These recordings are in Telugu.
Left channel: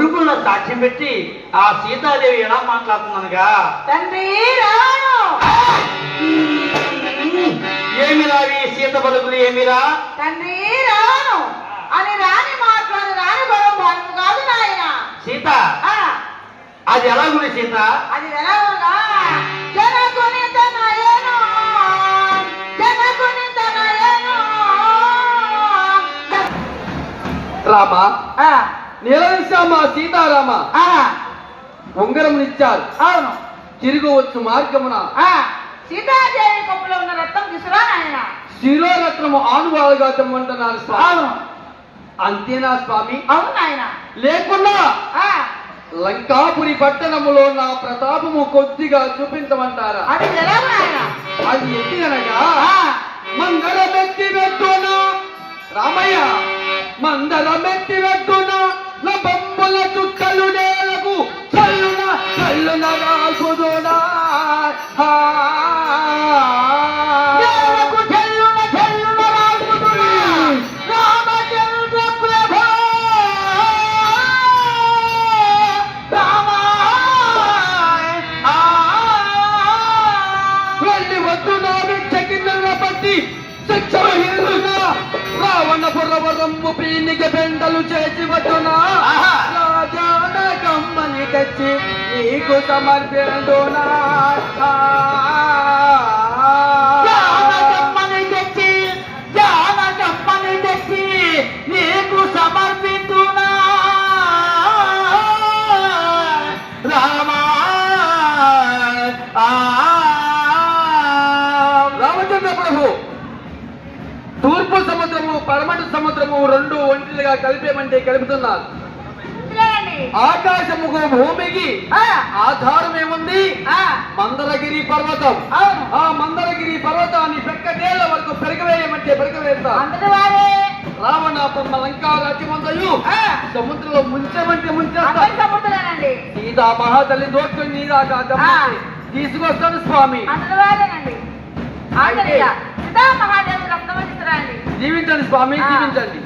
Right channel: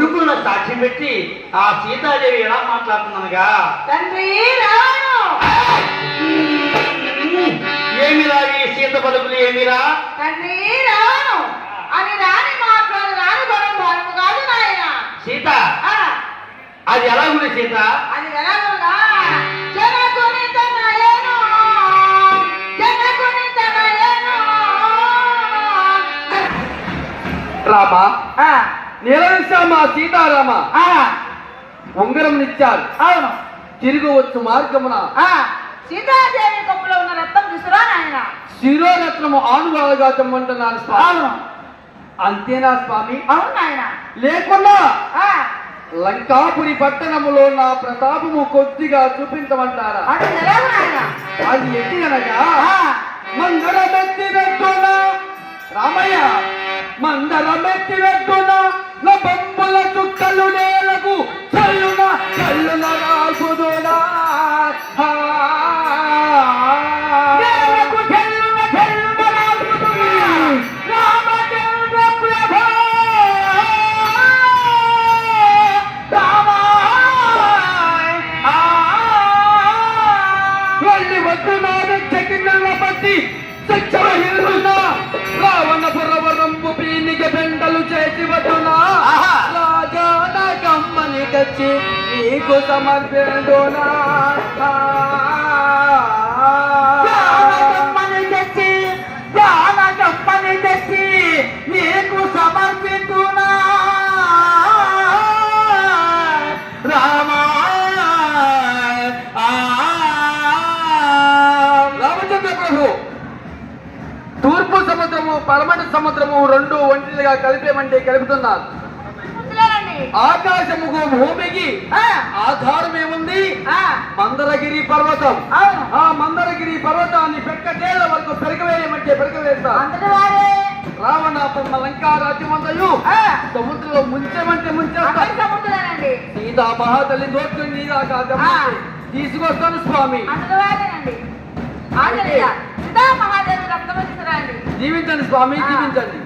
కొడుకులను సాక్షి పెట్టి ఆ సీతాదేవి ఎలా మాట్లాడుతుందనగా ఏమి ఏమిరా ఈ సీత బలుకులు ఏమిరా తండ్రి అని రాని రాని సీత? అది ఎలా ఉంది సీత? అది ఎలా రామా? ఆ, నిలవిశ్రామ సీతారామ? ఆ, ఉంగరం నిచ్చారు. అవును. తిరగవచ్చు మార్గమున. ఆ, సీతాదేవి కప్పులో ఉన్న రక్తం తీసుకురా నాయన. శిరోరత్నము ఆనుభావగా తెమ్మంటున్నారు స్వామి. అంతేనా స్వామి? అవును నాయన. లేకుండా ఆ, లంకాపురి పట్టణములో నా ప్రతాపము కొద్దిగా చూపించమంటారా? అది ఎలాగో నాయన? అది ఎట్టి అనగా ఆ, మందరమెత్తి వెట్టున రామయ్య మందరమెత్తి వెట్టున వెళ్ళి వద్దు నా చెక్కిన పట్టి సత్యమహిల్లునా రావణ పురవరంబు పీనిక బెండలు చేసి వద్దునా రాజాన కమ్మని తెచ్చి నీకు సమర్పిండునా సముద్రము పరమటి సముద్రము రెండు ఒంటిలుగా కలిపేమంటే కలుపుతున్నారు ఆకాశముకు భూమికి ఆధారం ఏముంది? మందరగిరి పర్వతం. ఆ మందరగిరి పర్వతాన్ని పెక్కటేళ్ళ వరకు పెరగవేయమంటే పెరగవేస్తా. అంతటి వారే. రావణ లంకా రాజ్యమంతయు ఆ, సముద్రంలో ముంచేమంటే ముంచేస్తా. అందరి సముద్రులేనండి సీతా మహాతల్లి గమనించి తీసుకొస్తాను స్వామి. అంతటి స్వామి జీవించండి.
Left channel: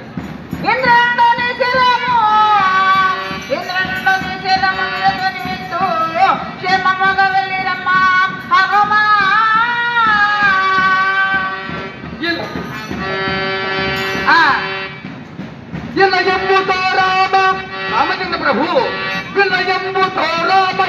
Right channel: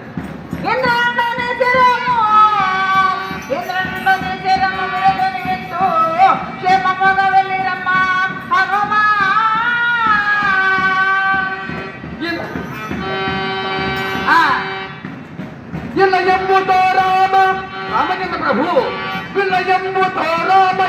ప్రభు. విలయంబు తోరామ